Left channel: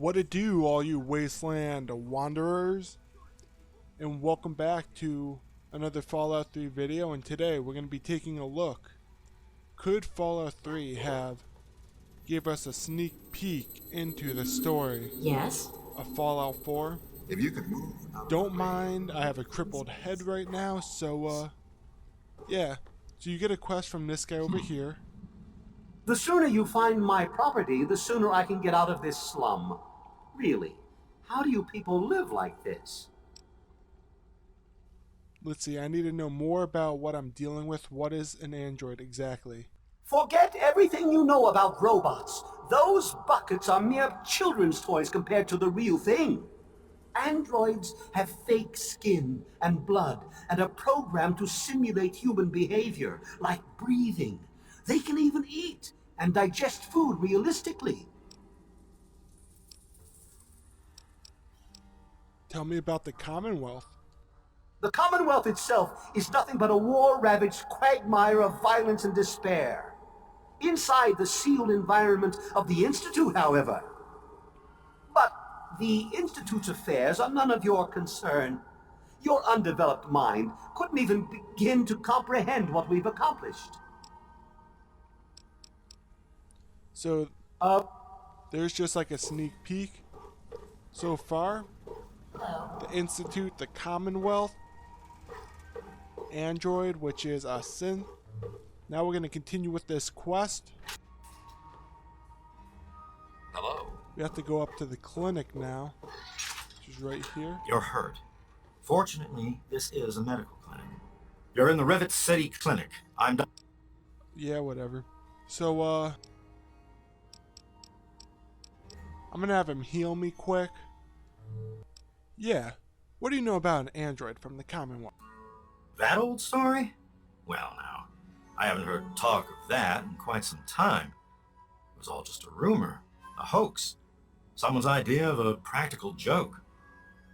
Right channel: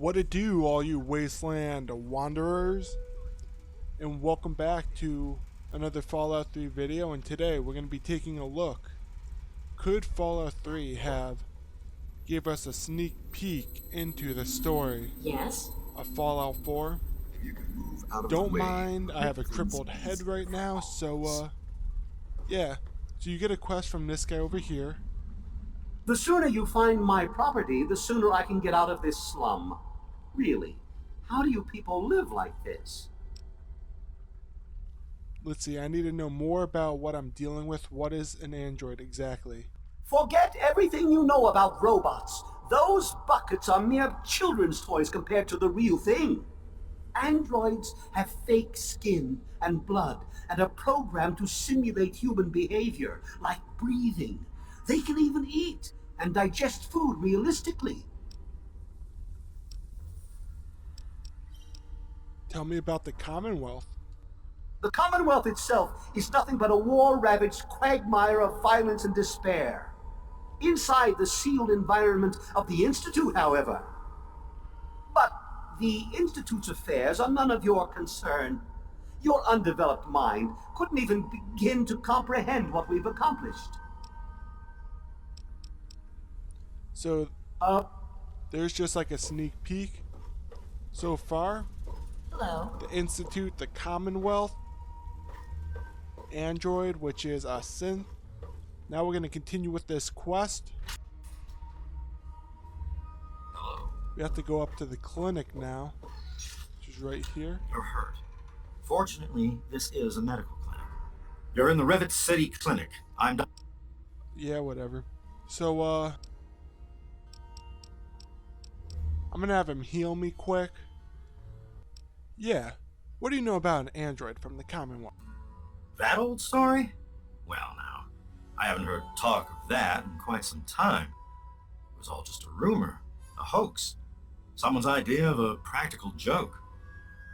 What it do, all you wasteland wanderers, and welcome back to another Fallout 3 video. And today we're going to be taking a look. Could Fallout 3 have give us a sneak peek into the story Yes? of Fallout 4? If you can move out of Don't the way, mind, I have a crippled head right now, so yeah. So you get a quest from this guy over here. The sooner you find my property, the sooner I can get out of this slum. Really, how do you people live like this? Let's see, I need to know more about what I'm dealing with. What is an android exactly? Forget everything you know about robots. Those buckets are mere children's toys compared to the real thing. Androids have fake skin and blood and are programmed to simulate human behavior, like breathing. They can even eat and digest food realistically. Tell me about the Commonwealth. The Commonwealth itself is nothing but a war-ravaged quagmire of violence and despair. Inside the sealed environment of the Institute, however. But the Institute's affairs are none of your concern. Your undeveloped mind couldn't even begin to comprehend what we've accomplished. So, there's just like a sneak peek so far. Hello. The Institute, the Commonwealth, Android, which is a synth. Now we're going to continue with this quest. Hello. We have to go up to the clinic now, which is right here. you're hurt. Fortunately, this is a medical clinic. You're in the Rivet City Clinic. I'm done. Yeah, whatever. So, I'm going to have him heal me quick. Yeah. What do you know about an android from the Commonwealth? That old story? Well, now, I haven't heard talk of that in quite some time. It was all just a rumor, a hoax, someone's idea of a practical joke.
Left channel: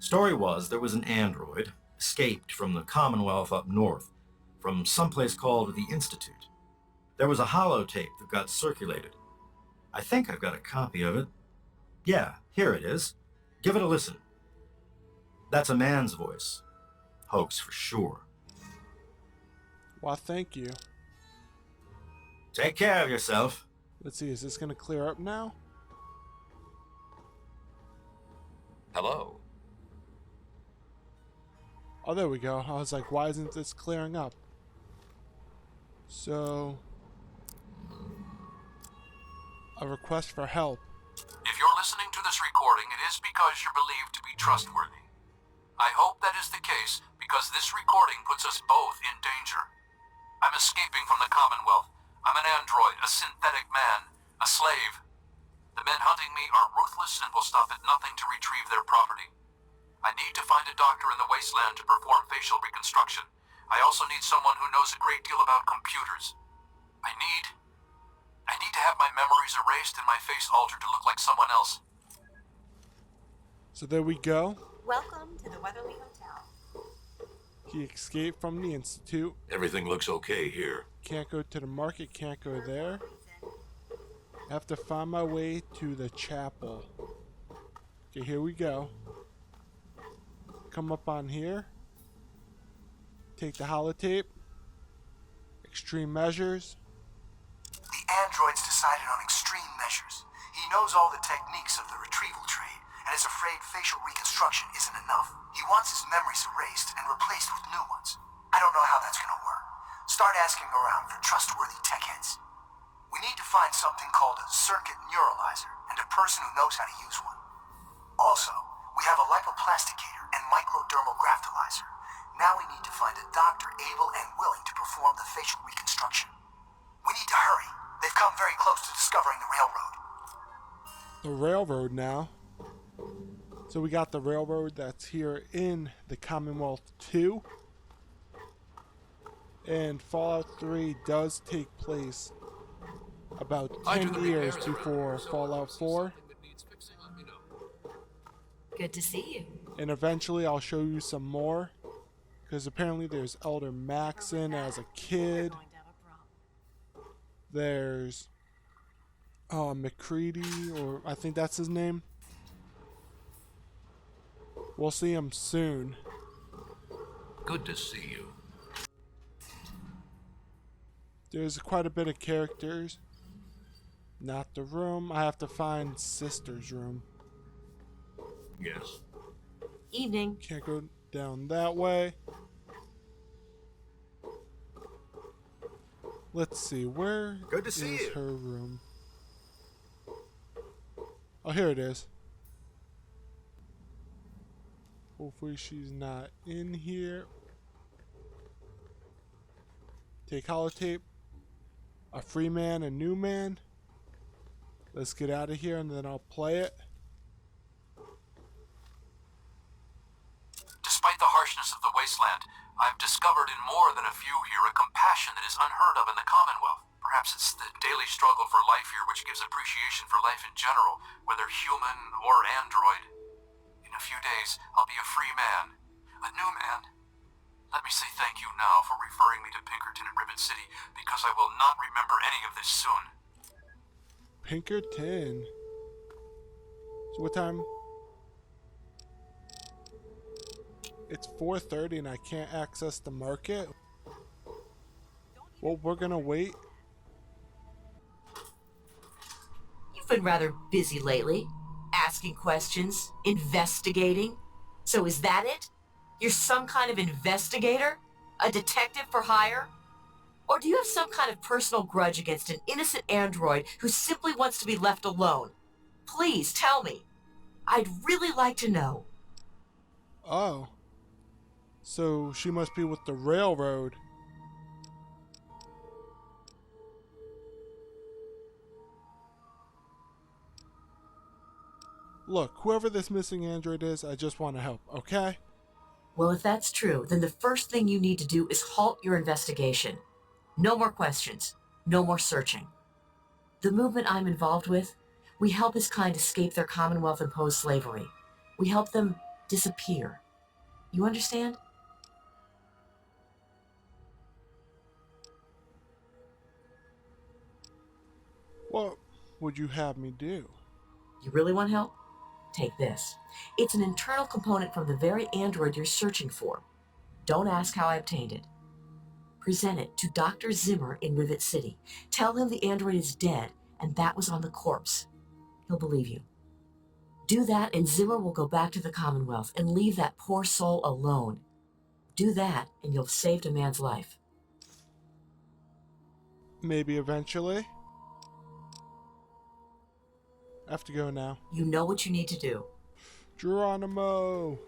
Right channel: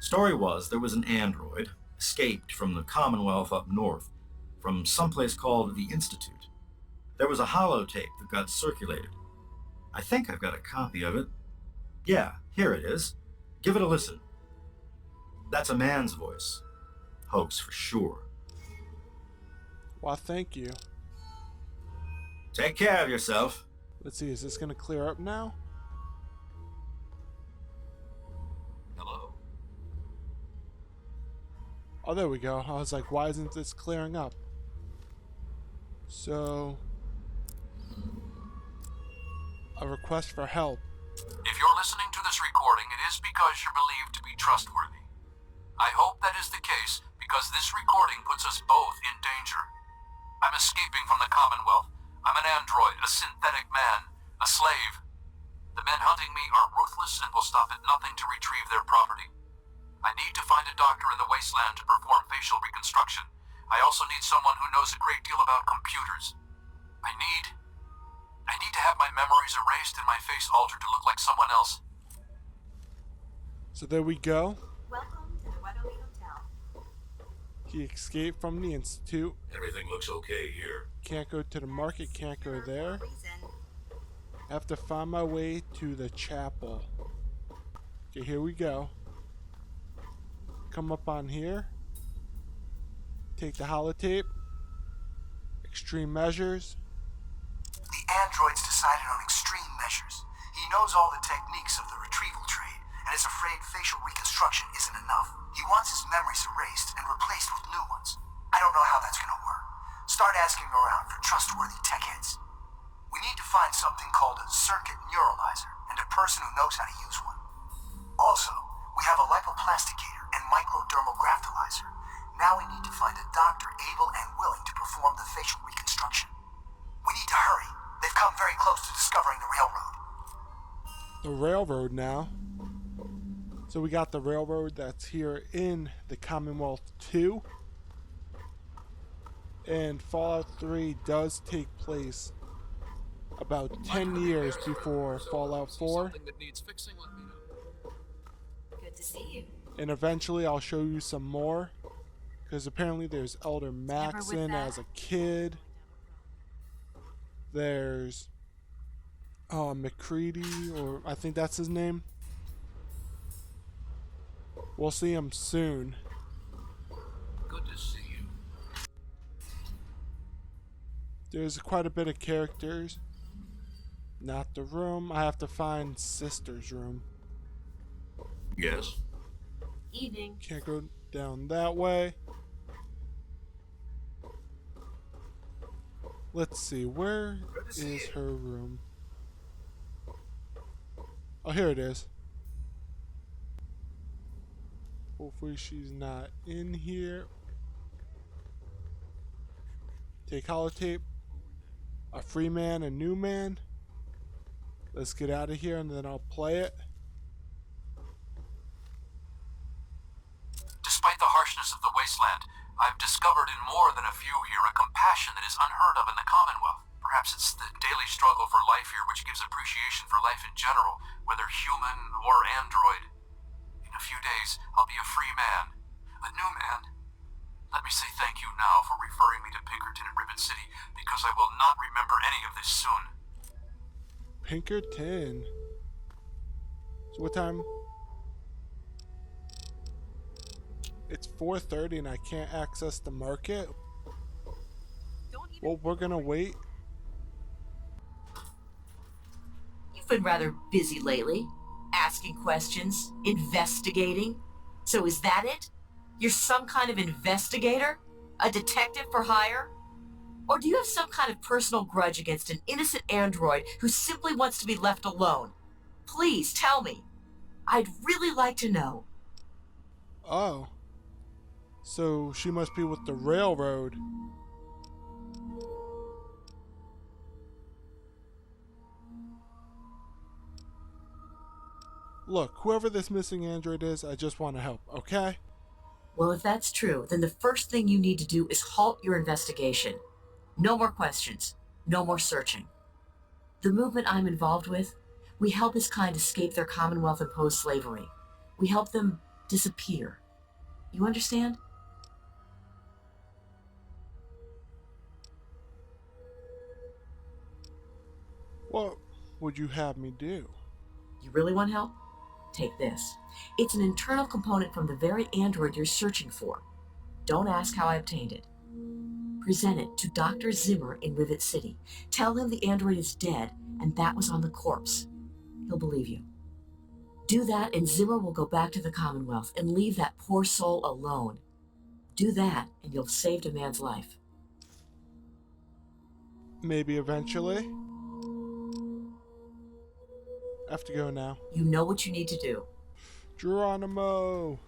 Story was there was an android, escaped from the Commonwealth up north, from someplace called the Institute. There was a holotape that got circulated. I think I've got a copy of it. Yeah, here it is. Give it a listen. That's a man's voice. Hoax for sure. Well, thank you. Take care of yourself. Let's see, is this going to clear up now? Hello. Oh, there we go. I was like, why isn't this clearing up? So, a request for help. If you're listening to this recording, it is because you're believed to be trustworthy. I hope that is the case because this recording puts us both in danger. I'm escaping from the Commonwealth. I'm an android, a synthetic man, a slave. The men hunting me are ruthless and will stop at nothing to retrieve their property. I need to find a doctor in the wasteland to perform facial reconstruction. I also need someone who knows a great deal about computers. I need to have my memories erased and my face altered to look like someone else. So there we go. Welcome to the Weatherly Hotel. He escaped from the Institute. Everything looks okay here. Can't go to the market, can't go there. I have to find my way to the chapel. Okay, here we go. Come up on here. Take the holotape. Extreme measures. The android's decided on extreme measures. He knows all the techniques of the retrieval trade, and is afraid facial reconstruction isn't enough. He wants his memories erased and replaced with new ones. I don't know how that's gonna work. Start asking around for trustworthy tech heads. We need to find something called a circuit neuralizer, and a person who knows how to use one. Also, we have a lipoplasticator and microdermal graftalizer. Now we need to find a doctor able and willing to perform the facial reconstruction. We need to hurry. They've come very close to discovering the railroad. The railroad now. So we got the railroad that's here in the Commonwealth 2. And Fallout 3 does take place about 10 years before Fallout 4. Good to see you. And eventually I'll show you some more. Because apparently there's Elder Maxon as a kid. There's McCready, or I think that's his name. We'll see him soon. Good to see you. There's quite a bit of characters. Not the room. I have to find Sister's room. Yes. Evening. Can't go down that way. Let's see, where Good to see is you. her room? Oh, here it is. Hopefully she's not in here. Take holotape. A free man, a new man. Let's get out of here and then I'll play it. Despite the harshness of the wasteland, I've discovered in more than a few here a compassion that is unheard of in the Commonwealth. Perhaps it's the daily struggle for life here which gives appreciation for life in general, whether human or android. In a few days, I'll be a free man. A new man. Let me say thank you now for referring me to Pinkerton at Rivet City, because I will not remember any of this soon. Pinkerton. So what time? It's 4:30 and I can't access the market. Well, we're gonna wait. You've been rather busy lately. Asking questions, investigating. So is that it? You're some kind of investigator? A detective for hire? Or do you have some kind of personal grudge against an innocent android who simply wants to be left alone? Please tell me. I'd really like to know. Oh. So she must be with the railroad. Look, whoever this missing android is, I just want to help, okay? Well, if that's true, then the first thing you need to do is halt your investigation. No more questions. No more searching. The movement I'm involved with, we help his kind escape their Commonwealth-imposed slavery. We help them disappear. You understand? What would you have me do? You really want help? Take this. It's an internal component from the very android you're searching for. Don't ask how I obtained it. Present it to Dr. Zimmer in Rivet City. Tell him the android is dead and that was on the corpse. He'll believe you. Do that and Zimmer will go back to the Commonwealth and leave that poor soul alone. Do that and you'll have saved a man's life. Maybe eventually. I have to go now. You know what you need to do. Geronimo!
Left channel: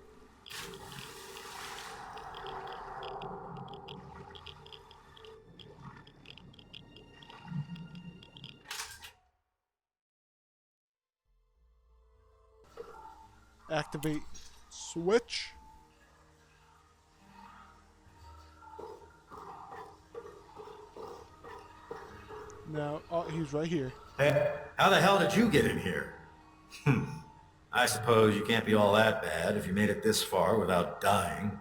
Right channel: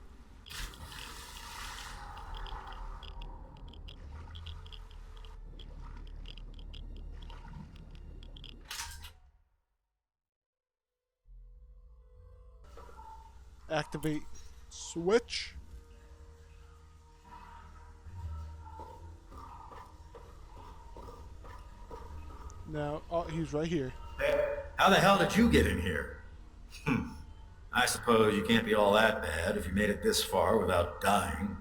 Activate switch. Now, oh, he's right here. Hey, how the hell did you get in here? I suppose you can't be all that bad if you made it this far without dying.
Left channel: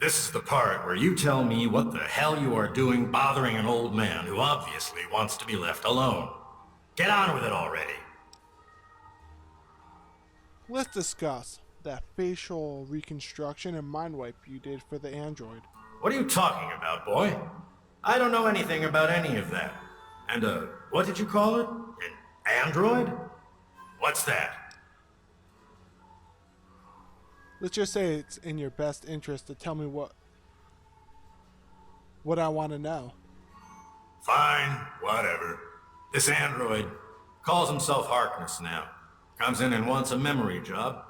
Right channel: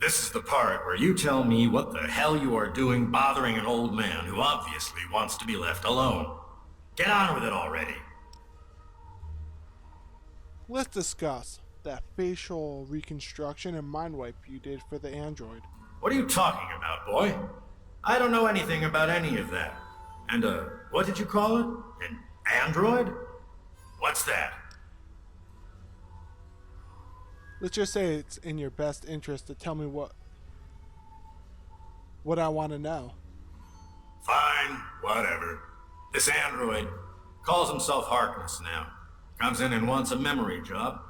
This is the part where you tell me what the hell you are doing bothering an old man who obviously wants to be left alone. Get on with it already. Let's discuss that facial reconstruction and mind wipe you did for the android. What are you talking about, boy? I don't know anything about any of that. And, what did you call it? An android? What's that? Let's just say it's in your best interest to tell me what I want to know. Fine, whatever. This android calls himself Harkness now. Comes in and wants a memory job.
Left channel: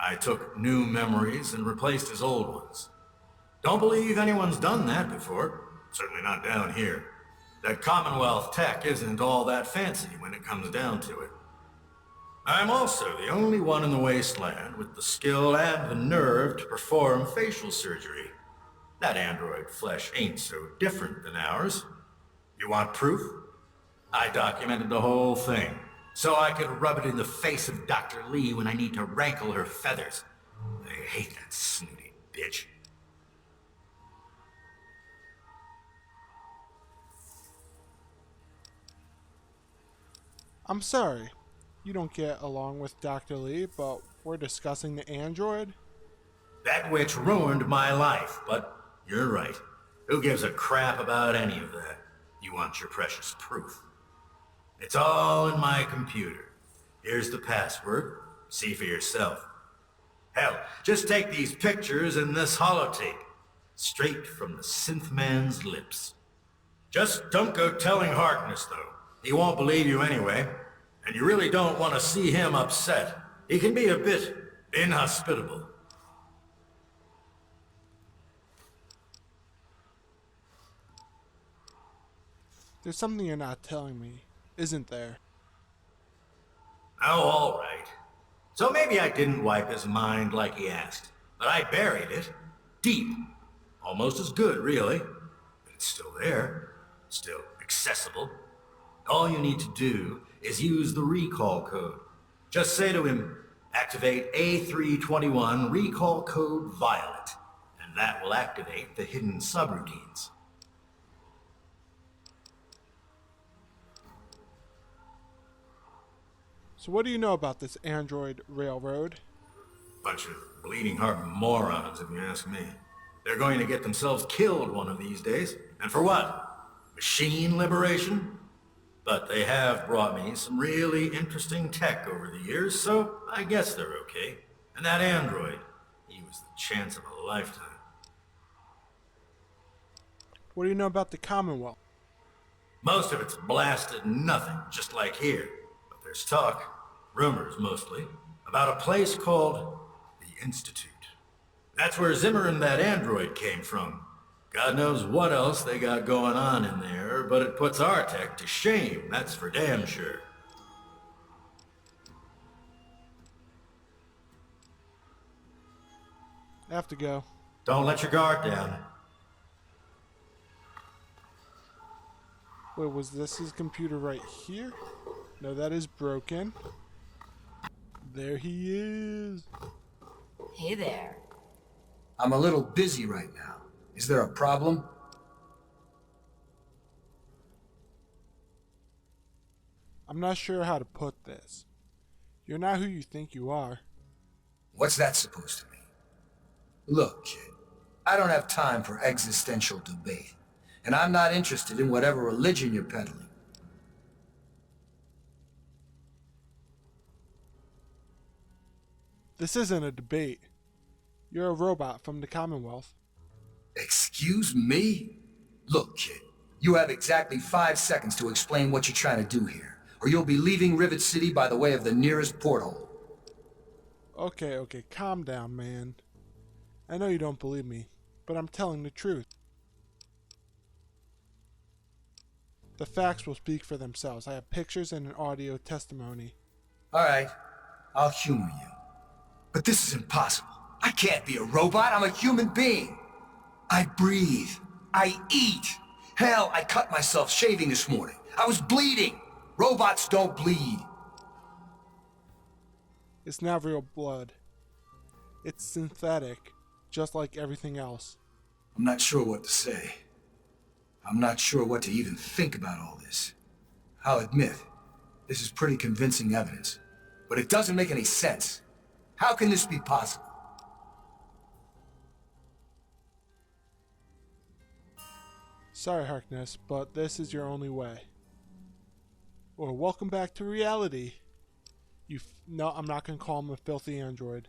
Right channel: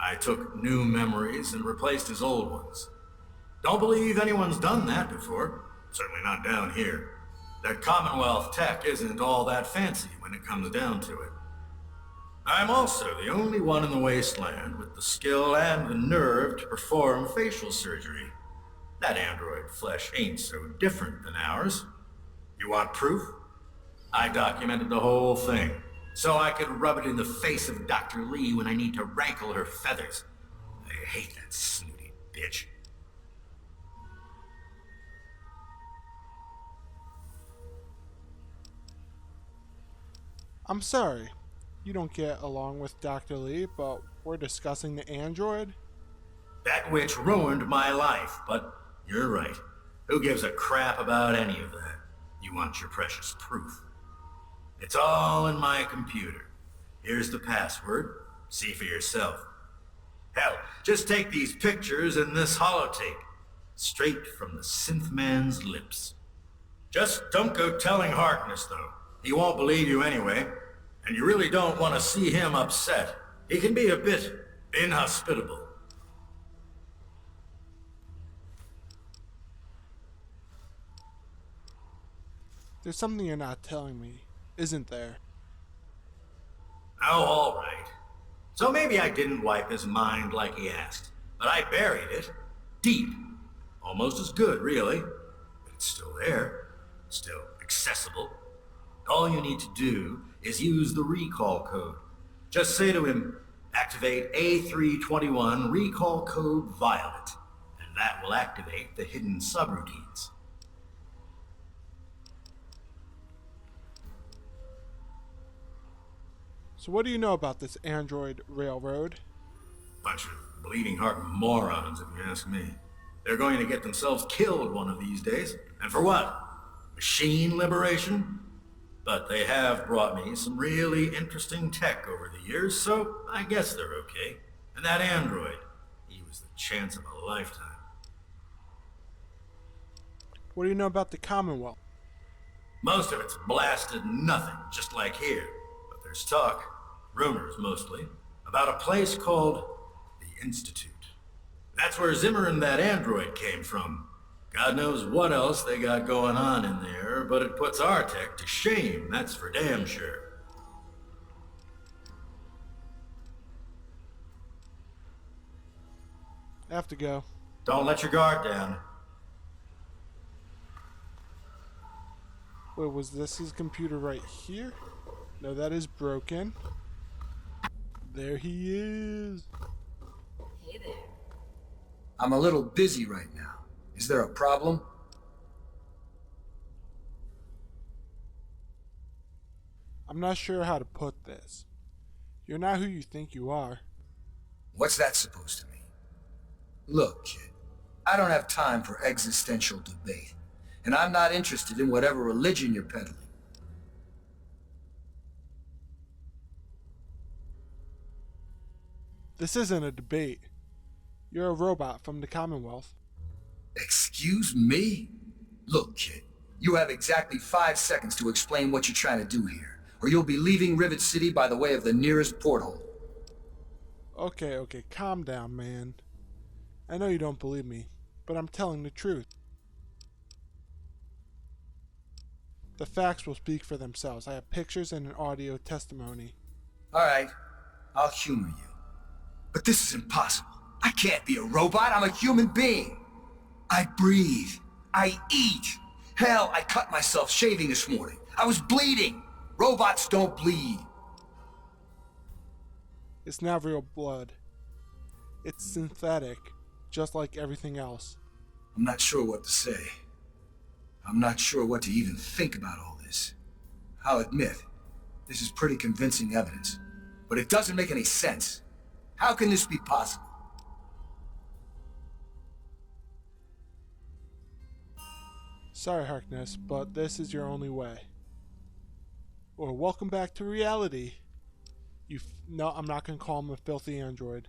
I took new memories and replaced his old ones. Don't believe anyone's done that before. Certainly not down here. That Commonwealth tech isn't all that fancy when it comes down to it. I'm also the only one in the wasteland with the skill and the nerve to perform facial surgery. That android flesh ain't so different than ours. You want proof? I documented the whole thing, so I could rub it in the face of Dr. Lee when I need to rankle her feathers. I hate that snooty bitch. I'm sorry, you don't get along with Dr. Lee, but we're discussing the android? That witch ruined my life, but you're right. Who gives a crap about any of that? You want your precious proof. It's all in my computer. Here's the password. See for yourself. Hell, just take these pictures and this holotape. Straight from the synth man's lips. Just don't go telling Harkness, though. He won't believe you anyway. And you really don't want to see him upset. He can be a bit inhospitable. There's something you're not telling me, isn't there? Oh, all right. So maybe I didn't wipe his mind like he asked, but I buried it deep. Almost as good, really. But it's still there, still accessible. All you need to do is use the recall code. Just say to him, activate A321 recall code Violet, and that will activate the hidden subroutines. So what do you know about this android railroad? Bunch of bleeding heart morons, if you ask me. They're going to get themselves killed one of these days. And for what? Machine liberation? But they have brought me some really interesting tech over the years, so I guess they're okay. And that android, he was the chance of a lifetime. What do you know about the Commonwealth? Most of it's blasted nothing, just like here. But there's talk, rumors mostly, about a place called the Institute. That's where Zimmer and that android came from. God knows what else they got going on in there, but it puts our tech to shame, that's for damn sure. I have to go. Don't let your guard down. Wait, was this his computer right here? No, that is broken. There he is. Hey there. I'm a little busy right now. Is there a problem? I'm not sure how to put this. You're not who you think you are. What's that supposed to mean? Look, kid, I don't have time for existential debate, and I'm not interested in whatever religion you're peddling. This isn't a debate. You're a robot from the Commonwealth. Excuse me? Look, kid, you have exactly 5 seconds to explain what you're trying to do here, or you'll be leaving Rivet City by the way of the nearest porthole. Okay, calm down, man. I know you don't believe me, but I'm telling the truth. The facts will speak for themselves. I have pictures and an audio testimony. Alright, I'll humor you. But this is impossible. I can't be a robot, I'm a human being. I breathe. I eat. Hell, I cut myself shaving this morning. I was bleeding. Robots don't bleed. It's not real blood. It's synthetic, just like everything else. I'm not sure what to say. I'm not sure what to even think about all this. I'll admit, this is pretty convincing evidence, but it doesn't make any sense. How can this be possible? Sorry, Harkness, but this is your only way. Or welcome back to reality. No, I'm not gonna call him a filthy android.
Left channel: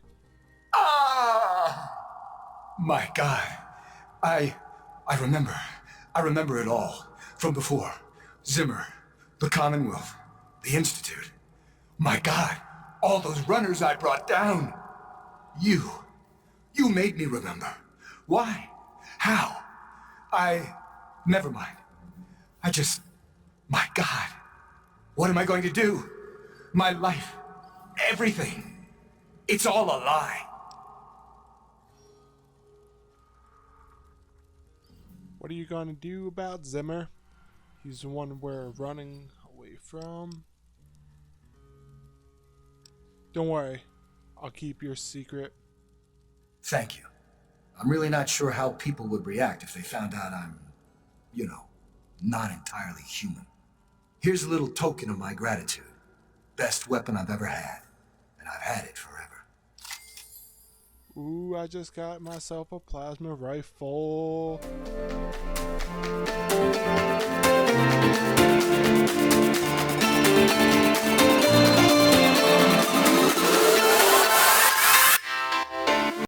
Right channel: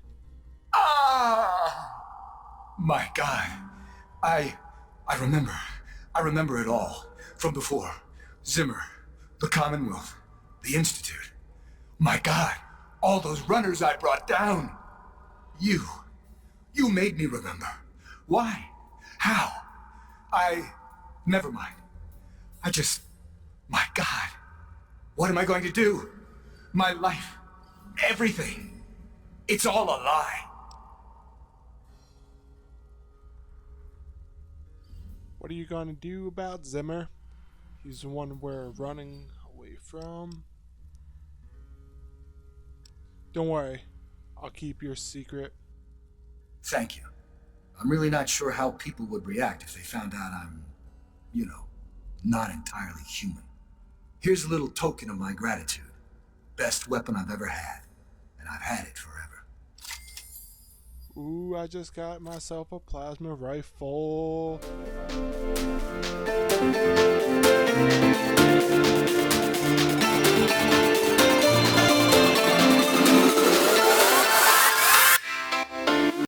Ah! My God. I remember. I remember it all. From before. Zimmer. The Commonwealth. The Institute. My God. All those runners I brought down. You made me remember. Why? How? Never mind. My God. What am I going to do? My life. Everything. It's all a lie. What are you gonna do about Zimmer? He's the one we're running away from. Don't worry. I'll keep your secret. Thank you. I'm really not sure how people would react if they found out I'm, not entirely human. Here's a little token of my gratitude. Best weapon I've ever had. And I've had it forever. Ooh, I just got myself a plasma rifle.